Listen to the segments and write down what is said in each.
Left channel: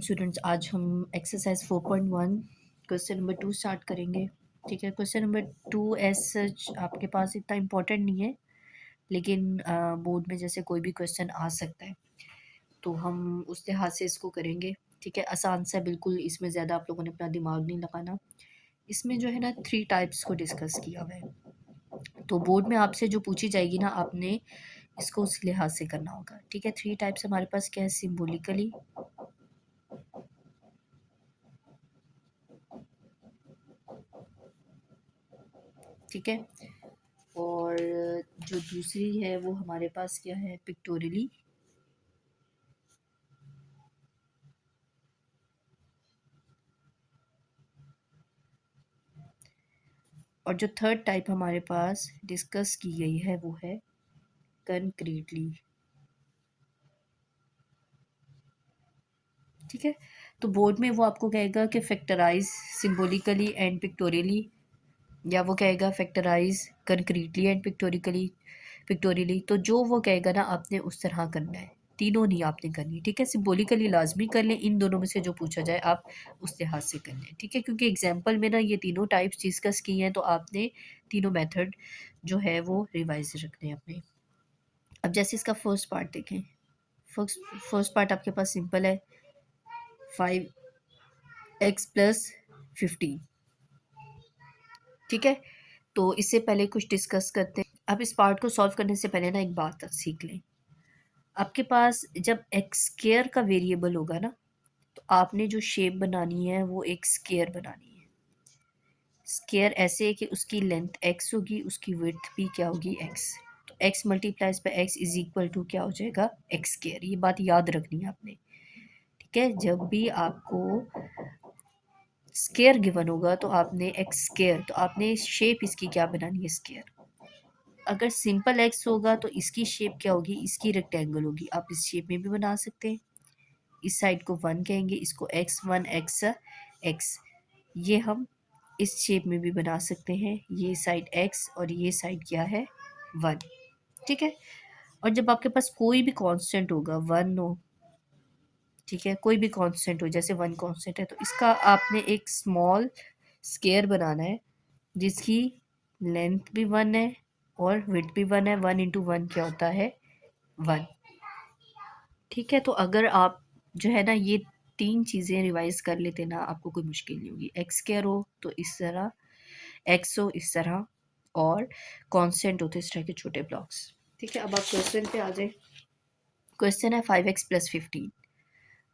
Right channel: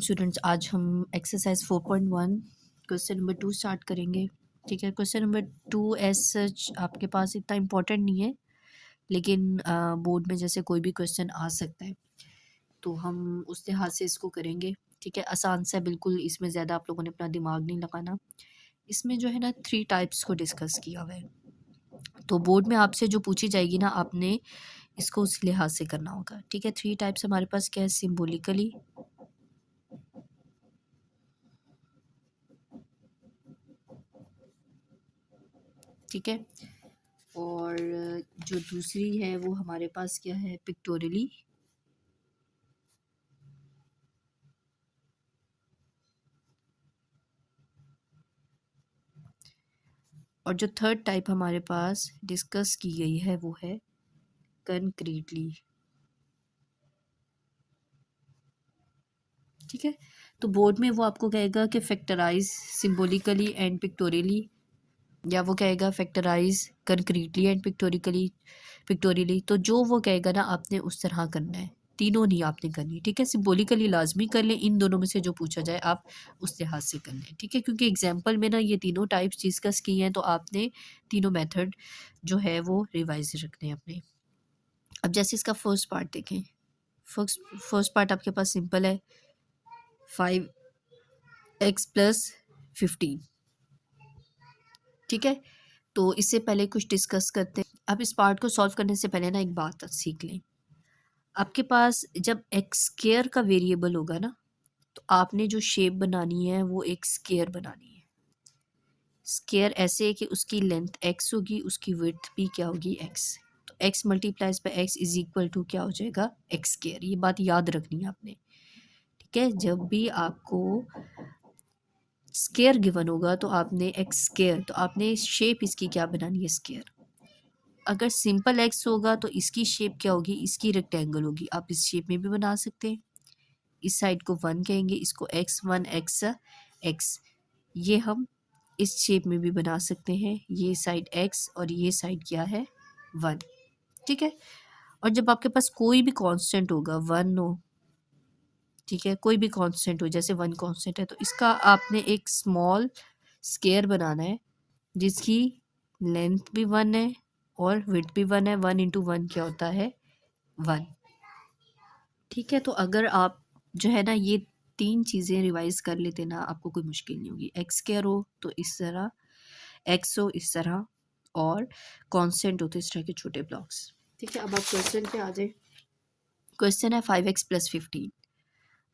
Students, आज हम exercise 4.1 question number 2 start करेंगे। ठीक है, क्वेश्चन नंबर 2 एज सच आपके पास इतना इम्पोर्टेंट नहीं है, लेकिन बोर्ड में जैसे कोई भी क्वेश्चन आ सकता है तो हम उस लिहाज से इसको करेंगे। ठीक है, आसान सा बिल्कुल, इसमें ज़्यादा आप लोगों ने अपना दिमाग नहीं लगाना। इसमें जो है ना 3 टाइप्स को डिस्कस किया हुआ है, तो बोर्ड में आपसे जो पूछी जाएगी ना, आपने इसको उस लिहाज से करना होगा। ठीक है, 3 टाइप्स हमारे पास क्या है, सिम्बोलिकली, ठीक है, और जो दूसरी है वो हमारे पास क्या है, पिक्टोरियली, और जो थर्ड टाइप हमारे पास डिस्कस की गई है वो है कंक्रीटली। ठीक है, तो बोर्ड में वो आपको कहेगा कि फैक्टराइज सिंबॉलिकली एंड पिक्टोरियली, या वो कहेगा फैक्टराइज कंक्रीटली एंड पिक्टोरियली। तो जो वो कहेगा ना, आपने उस तरह करना है, तीनों नहीं आपने करनी। ठीक है, सिंबॉलिकली लाजमी कर लें, इन दोनों में से जो पूछा जाए आप उस लिहाज से कर लें। ठीक है, क्योंकि एग्जाम्पल में ना ये तीनों टाइप्स डिस्कस की हैं, तो आपने तीनों मेथड जो है वो रिवाइज रखने हैं अपने। अब जैसे इसका फर्स्ट पार्ट देखें, फर्स्ट पार्ट आपके पास सिंपल है, 5x+15। ठीक है, तो इससे पहले कुछ डिस्कस करते हैं। अब इस पार्ट को सॉल्व करने से पहले ना एक बात सीख लें। आपके पास जब एक्स स्क्वायर का वेरिएबल होगा ना, तो आपने जो शेप बनानी है वो एक स्क्वायर बनानी है। स्क्वायर ऐसे है कि उसकी लेंथ x होगी, उसकी विड्थ भी क्या होगी, x। तो x multiplies by x is equal to क्या हो जाएगा, एक्स स्क्वायर। ये बात याद रखनी है आपने। ठीक है, जब भी आपको स्क्वायर गिवन होगा तो आपने एक्स स्क्वायर, तो आपने शेप इसकी क्या बनानी है, स्क्वायर। अगर सिंपल एक्स होगा तो इसकी शेप क्या होगी, इसकी रेक्टेंगल होगी। आप इस शेप में भी बना सकते हैं। इस साइड को 1 कहेंगे, इसको x1 x, ये हम इस शेप में भी बना सकते हैं। ये साइड x और ये साइड क्या है, 1। ठीक है, और जब आपके पास कोई भी कांस्टेंट होगा, 1 हो, ठीक है, कोई भी कांस्टेंट हो, जैसे 1 कांस्टेंट है, तो इसका आपने एक स्मॉल स्क्वायर बनाना है जिसकी लेंथ भी 1 है और विड्थ भी 1 है। 1 इंटू 1 क्या होता है, 1। ठीक है, तो अगर आप जो है ना ये 3 चीज़ें रिवाइज कर लेते ना, आपको कोई मुश्किल नहीं होगी। एक्स स्क्वायर हो तो इस तरह, एक्स हो इस तरह, और कांस्टेंट हो तो इस तरह के छोटे ब्लॉक्स। ठीक है, अब आप क्वेश्चन पे आ जाए। क्वेश्चन है 5x+15।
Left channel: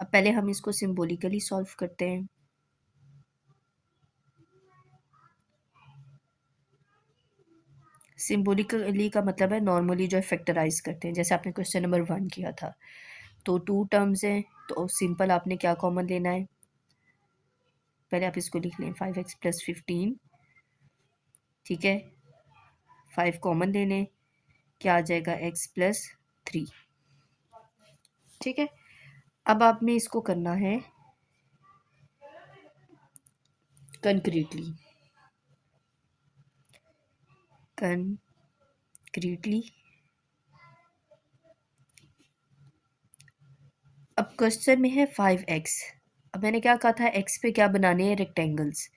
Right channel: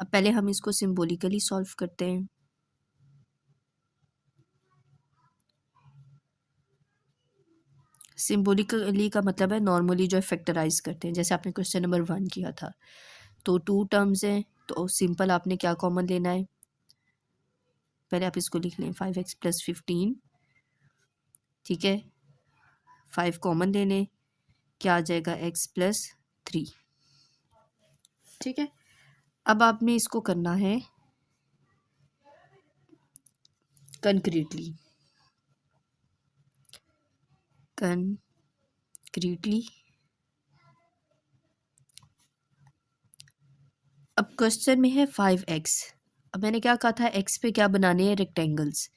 अब पहले हम इसको सिंबॉलिकली सॉल्व करते हैं। सिंबॉलिकली का मतलब है नॉर्मली जो फैक्टराइज करते हैं, जैसे आपने क्वेश्चन नंबर 1 किया था। तो 2 टर्म्स हैं, तो सिंपल आपने क्या कॉमन लेना है, पहले आप इसको लिख लें 5x+15। ठीक है, 5 कॉमन ले लें, क्या आ जाएगा, x+3। ठीक है, अब आपने इसको करना है कंक्रीटली। अब क्वेश्चन में है 5x। अब मैंने क्या कहा था, x पे क्या बनाने हैं, रेक्टेंगल्स।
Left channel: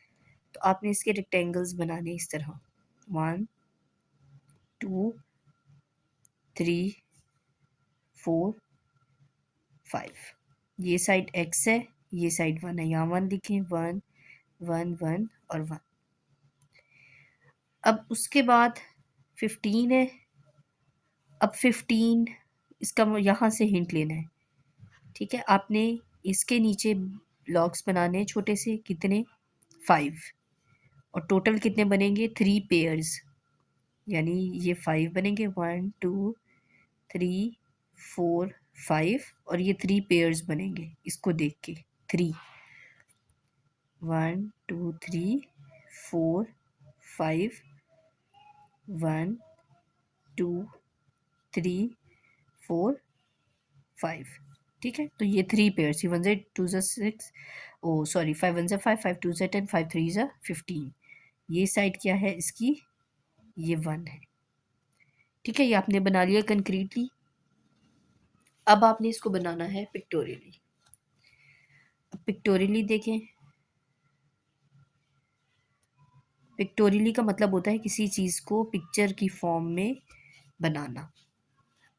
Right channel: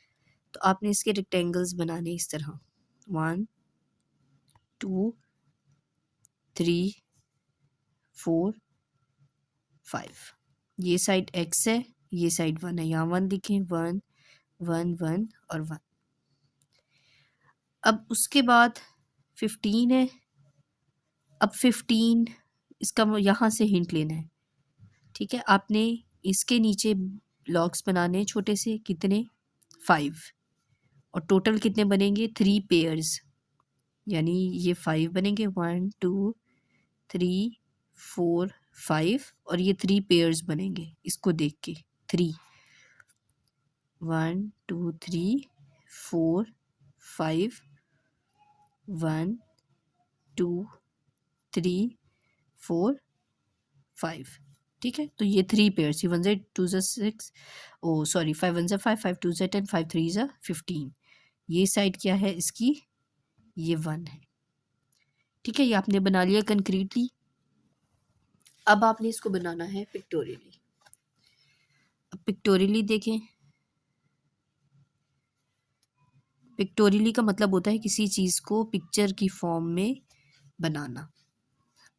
तो आपने इसके रेक्टेंगल्स बनाने इस तरह, 1 2 3 4 5। ये साइड x है, ये साइड 1 है, यहाँ 1 लिखें, 1 1 1 और 1। अब उसके बाद 15 है। अब 15 इसका यहाँ से हिंट लेना है। ठीक है, आपने इसके नीचे ब्लॉक्स बनाने हैं छोटे से, कितने, 5, और टोटल कितने बनेंगे, 3 पेयर्स, यानी ये 5 बनेंगे, 1 2 3 4 5, और ये 3 पेयर्स बनेंगे इसको देख के, 3 1 2 3 4 5 1 2 3 4 5। ठीक है, तो ये 3 पेयर्स, 1 से 2 से 6, ओ सॉरी, 5 1 से 5 5 2 से 10 5 3 से 15। ये साइड क्या है इसकी, ये 1 है। ठीक है, ये आपने बना लिया कंक्रीटली। अब आपने इसको बनाना है पिक्टोरियली। पिक्टोरियली देखें, पिक्टोरियली का मतलब होता है किसी चीज़ को पिक्चर की फॉर्म में बनाना।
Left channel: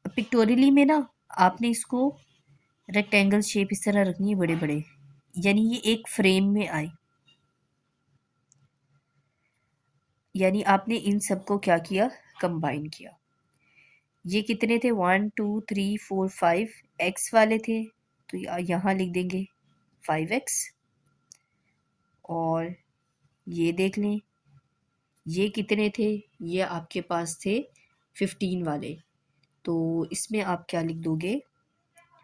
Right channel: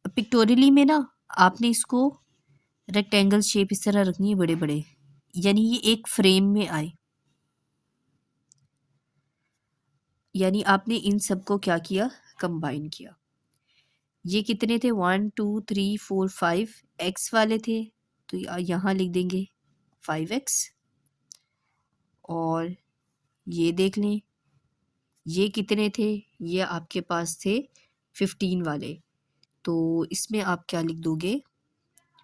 पिक्टोरियली में ना आपने इसको रेक्टेंगल शेप इस तरह रखनी है, बड़े बड़े, यानी ये एक फ्रेम में आए। यानी आपने इन सबको क्या किया, कंबाइन किया। ये कितने थे, 1 2 3 4 5 एक्स वाले थे, तो यहाँ लिख देंगे 5x। और ये देख लें, ये कितने थे, ये आपके पास थे 15 वाले, तो इसमें आप क्या लिख दोगे,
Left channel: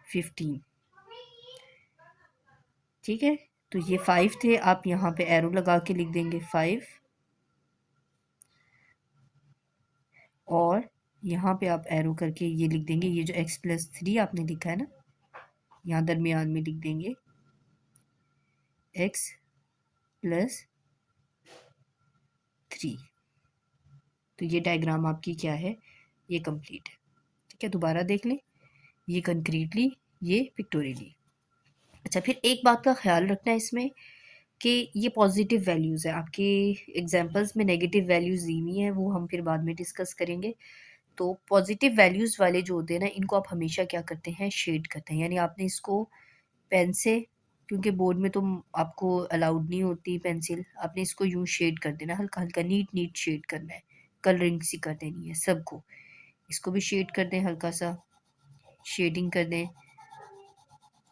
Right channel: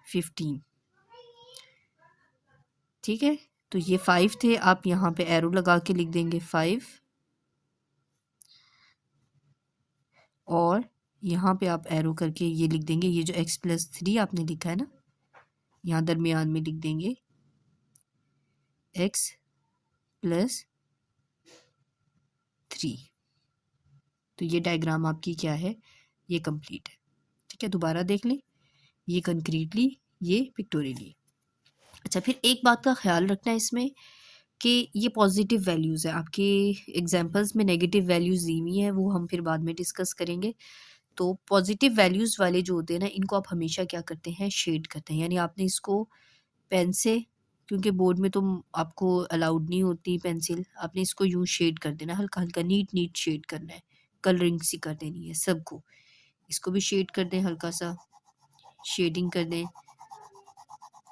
15। ठीक है, तो ये 5 थे, आप यहाँ पे एरो लगा के लिख देंगे 5। और यहाँ पे आप एरो करके ये लिख देंगे, ये जो x+3 आपने लिखा है ना, यहाँ दरमियान में लिख देंगे x+3। तो ये डायग्राम आपकी क्या है, ये कंप्लीट है। ठीक है, दोबारा देख लें, ये कंक्रीटली, ये पिक्टोरियली। अच्छा, फिर एक बात का ख्याल रखना है इसमें कि ये पॉजिटिव वैल्यूज़ है, आपके एग्जांपल्स में नेगेटिव वैल्यूज़ दी हुई हैं, वो हम फिर बाद में डिस्कस करेंगे। तो पॉजिटिव वैल्यूज़ वाले जो होते हैं ना, इनको आप हमेशा क्या करते हैं, शेड करते हैं। यानी आपने इसको पेन से, क्योंकि बोर्ड में तो आपको अलाउड नहीं होती पेंसिल, आपने इसको यूँ शेड कर देना, हल्का हल्का नीट नीट शेड करना है, कलरिंग सी कर देनी है सबको। इसको भी शेड कर दें, हल्का सा शेडिंग कर दें।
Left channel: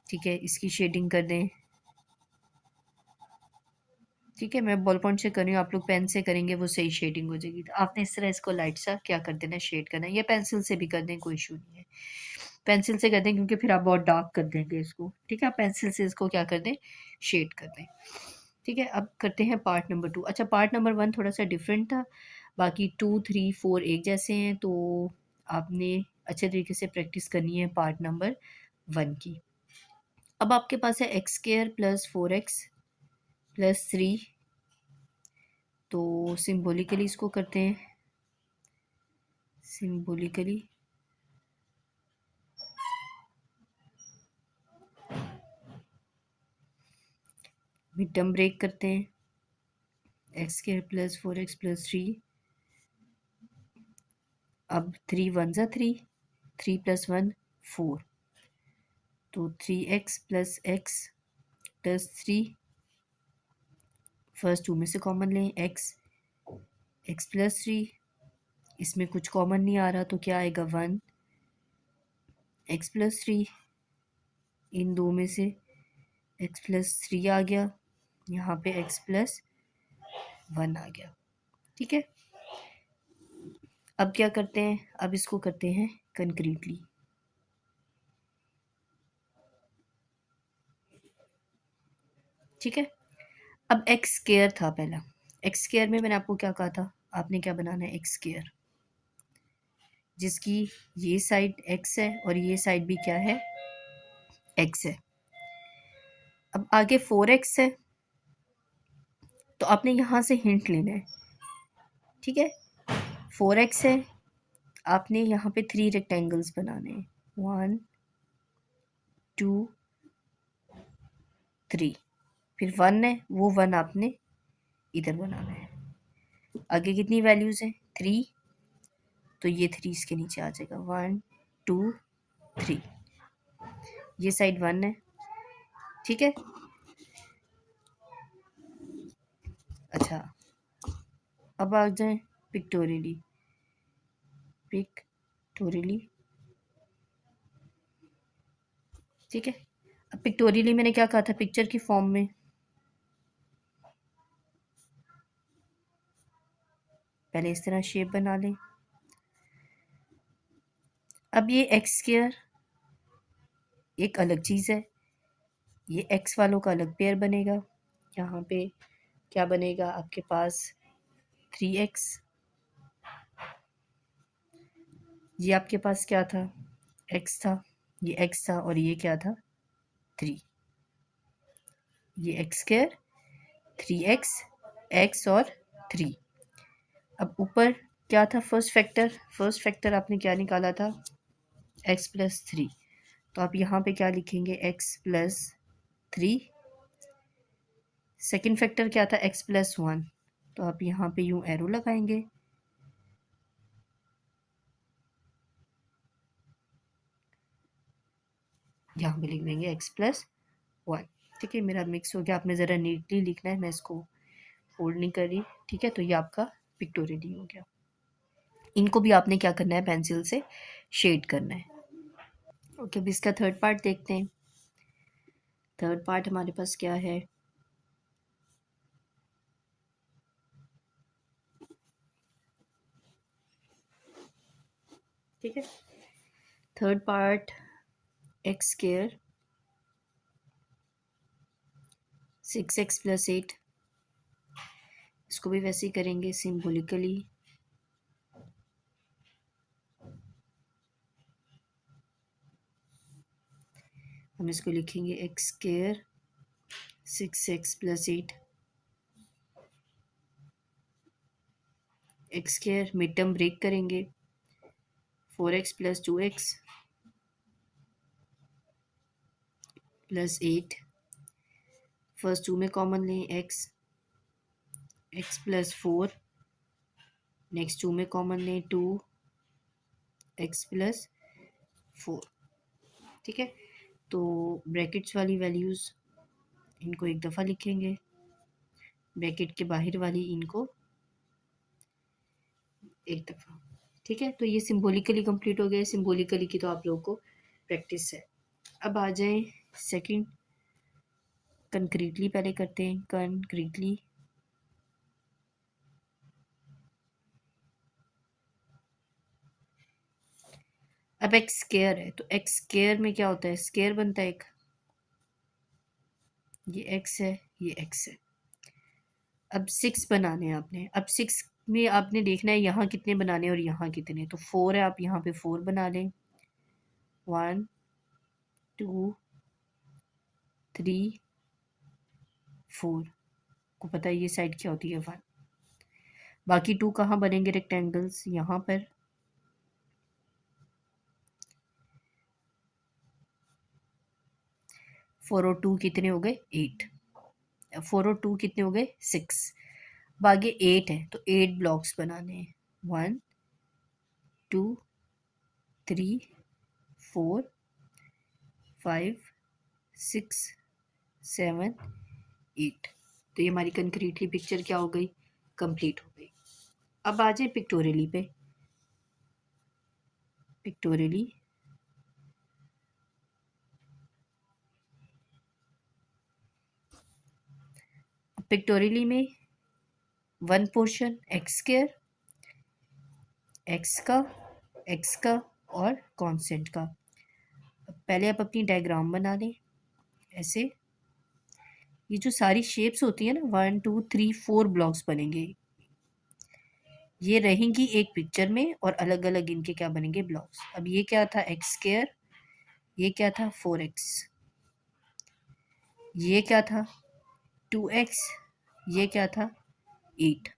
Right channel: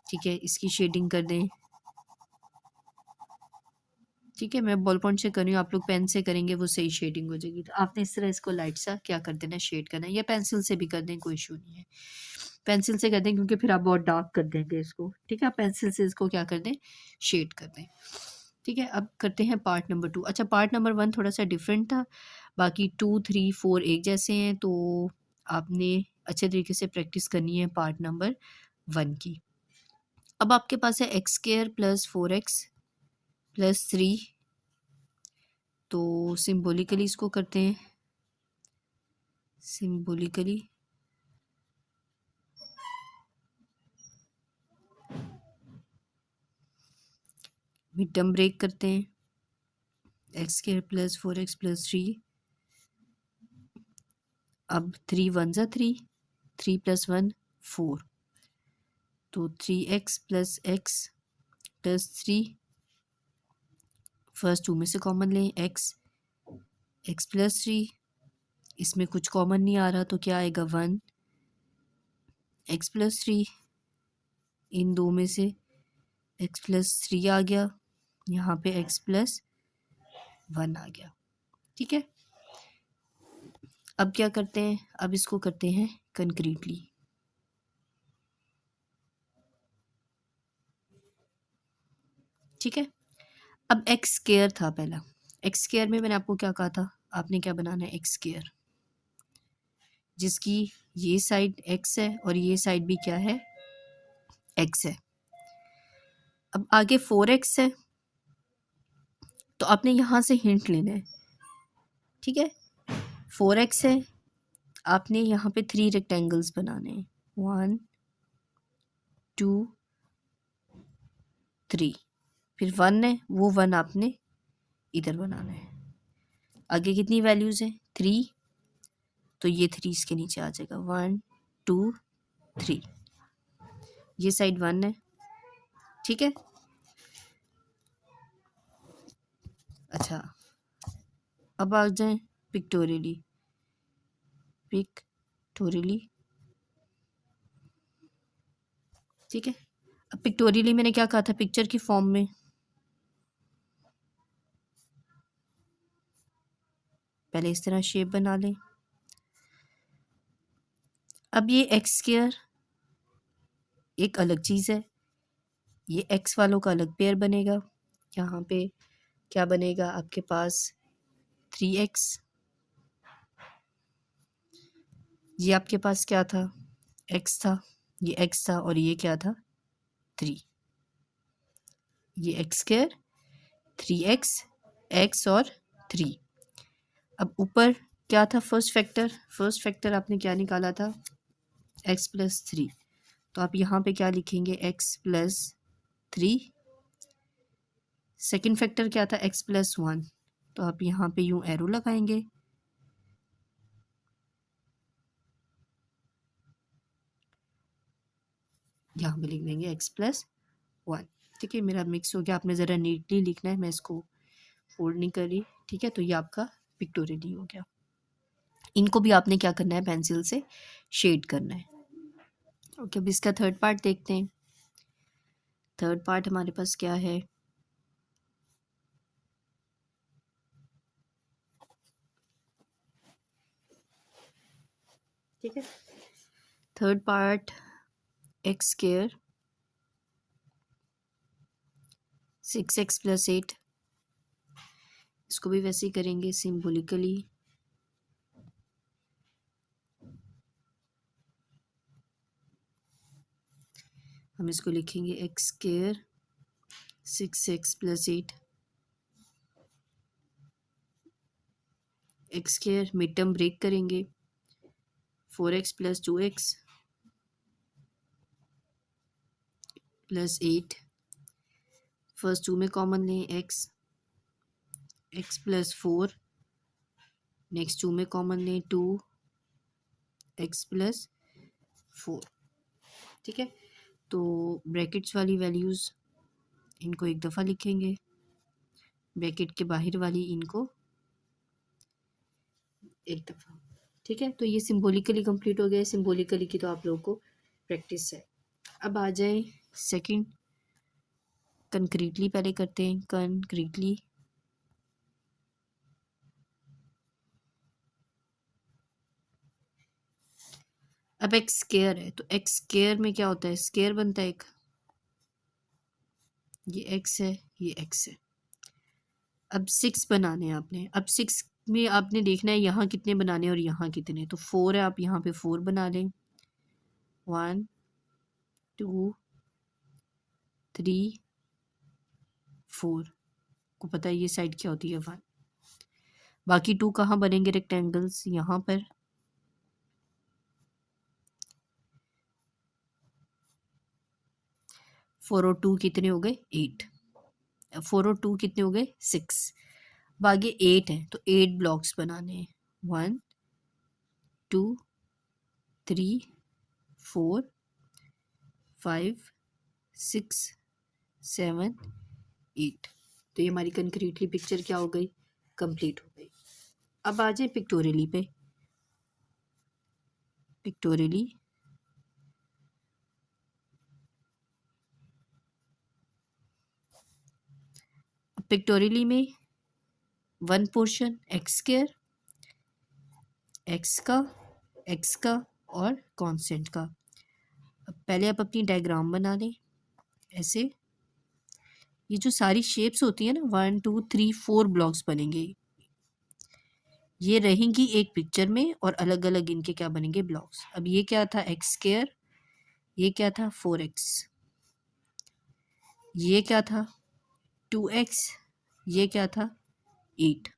ठीक है, इसकी शेडिंग कर दें। ठीक है, मैं बॉल पॉइंट से कर रही हूँ, आप लोग पेन से करेंगे, वो सही शेडिंग हो जाएगी। तो आपने इस तरह इसको लाइट सा क्या कर देना, शेड करना है, या पेंसिल से भी कर दें, कोई इशू नहीं है। पेंसिल से कर दें क्योंकि फिर आप बहुत डार्क कर देंगे इसको। ठीक है, आप पेंसिल से इसको क्या कर दें, शेड कर दें। ठीक है, अब करते हैं पार्ट नंबर 2। अच्छा, पार्ट नंबर 1 थोड़ा सा डिफरेंट था, बाकी 2 3 4 एक जैसे हैं, तो आपने अच्छे तरीके से प्रैक्टिस करनी है पार्ट नंबर 1 की। अब आपके पास है x² + 4x + 3, तो सिम्बोलिकली इसको करते हैं, सिम्बोलिकली। मिड टर्म ब्रेक करते हैं, x² + 4x + 3। अब 3 1 ज़ा 3, 3 + 1 4, तो 3x + x + 3। फर्स्ट 2 में से कॉमन लें, x + 3, इसमें कुछ कॉमन नहीं आ रहा, तो क्या आएगा, 1 x + 3। इन दो में से x + 3 आ गया, यहाँ पे x + 1 आ गया। ठीक है, अब क्या करते हैं, अब इसको करते हैं कंक्रीटली। ठीक है, अब x² था पहला, x² में मैंने आपको क्या कहा था, आपने क्या बनाना है, x², जिसकी ये साइड x है और ये साइड भी क्या है, x है। अब आगे 4x है, तो आपने यहाँ से हिंट लेना है। ठीक है, 4x है, आपने यहाँ पे 3 रेक्टेंगल्स बनाने हैं, 1 2 3। फिर 1 है, वो 1 आपने इधर बनाना है। आगे कितनी वैल्यूज़ हैं, 3, तो ये 3 इसके नीचे आ जाएगा, 1 2 3। ये साइड 1 है। ठीक है, अच्छा, अब आ जाए पिक्टोरियली, पिक्टोरियली। ठीक है, अब पिक्टोरियली मैंने क्या कहा था, पिक्चर की फॉर्म में, पहले इस तरह शेप बना लें। अब ये x² एक अलग चीज़ है, ये x वालों का अलग पेयर बनेगा। यहाँ पे क्या बनेगा आपके पास, 3x, ये आपके पास क्या था, x था, ये x था, और ये क्या था, 3। ये x², 3x, x और 3। अब ऊपर क्या था, फर्स्ट फैक्टर आपने क्या निकाला था, x + 3, तो आप यहाँ पे क्या लिखेंगे, x + 3 सेकंड फैक्टर क्या था, x+1, तो आप यहाँ पे यूँ एरो लगाएंगे, यहाँ पे लिख देंगे x+1। ठीक है, मेरा मिक्स हो गया, आपने ज़रा नीटली लिखना है, मैं इसको फोल्ड नहीं कर रही। ठीक है, तो ये आपका पिक्टोरियली हो गया। इनको भी आपने क्या करना है, पेंसिल से शेड करना है। ओके, अब इसका थर्ड पार्ट देखते हैं। थर्ड पार्ट हमारे पास क्या है, ठीक है, थर्ड पार्ट x² 6x+8, इसको भी वैसे ही करेंगे सिम्बोलिकली। हम इसको लिखेंगे x² 6x+8, x² mid term break करेंगे, 4x + 2x + 8, फर्स्ट 2 में कॉमन लें x + 4, नेक्स्ट 2 में कॉमन लें 2x + 4। ठीक है, तो ब्रैकेट्स वाली वैल्यूज़ इनको एक दफ़ा लिखेंगे, ब्रैकेट के बाहर वाली इनको एक दफ़ा। ठीक है, तो ये सिम्बोलिकली कंप्लीट हो गया। सिम्बोलिकली की तो आप लोगों को प्रैक्टिस है। अब आ जाएं सेकंड, कंक्रीटली पहले करते हैं। कंक्रीटली अब x² है, तो x² में क्या होता है, स्क्वायर बनता है एक, ये x है, ये x है। अब 6 बनाने हैं आपने। अब 6 में आपने देखना है यहाँ कितने बनाने हैं और यहाँ कितने, तो 4 है, आप यहाँ पे 4 बना लें, 1 2 3 4, को पता है ये साइड क्या होती है 1। बाकी 2 कहाँ बनेंगे रेक्टेंगल्स, यहाँ पर। 4 और 2 कितने हो गए, 8। 4 और 2 कितने हो गए, 6। अब आगे 8 है, तो 8 ब्लॉक्स बनाने हैं, 1 2 3 4 5 6 7 8। तो ये हमारी कंक्रीटली पिक्चर क्या हो गई, कंप्लीट हो गई। अब आ जाए पिक्टोरियली पे। पिक्टोरियली पिक्टोरियली में वन पोर्शन x² x का और कांस्टेंट का। पहले आप अपनी डायग्राम बना लें ऐसे। ये जो सारी शेप्स होती है ना, 1 2 3 4 ब्लॉक्स बनेंगे, ये रहेंगी एक पिक्चर में और अलग अलग इनके क्या बनेंगे, ब्लॉक्स। अब ये क्या था, x², ये क्या था 4x, ये क्या था 2x, ये क्या था 8।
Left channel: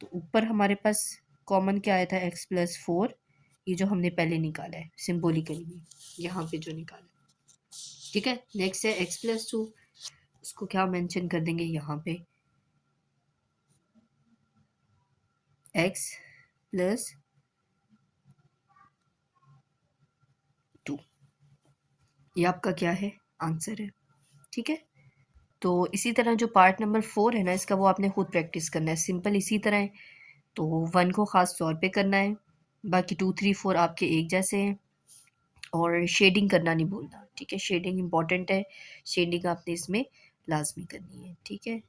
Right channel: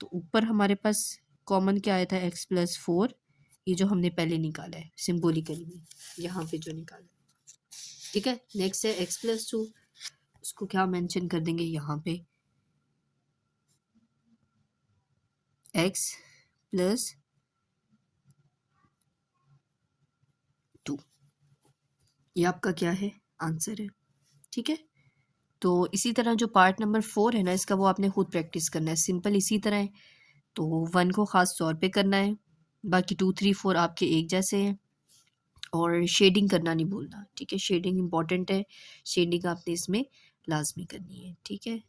तो ऊपर हमारे पास कॉमन क्या आया था, x+4, ये जो हमने पहले निकाला है सिंबॉलिकली में, यहाँ पे जो निकाला है। ठीक है, नेक्स्ट है x+2, उसको क्या मेंशन कर देंगे यहाँ पे, x+2, ये आपका क्या है, आंसर है। ठीक है, तो इसी तरह जो पार्ट नंबर 4 है ना, इसका वो आपने खुद प्रैक्टिस करना है, सिंपल इसी तरह है। तो 1 को ख़ास तौर पे करना है, बाकी 2 3 4 आपके एक जैसे हैं। और शेडिंग करना नहीं भूलना, ठीक है, शेडिंग इंपॉर्टेंट है, शेडिंग आपने इसमें लाजमी करनी है। ठीक है।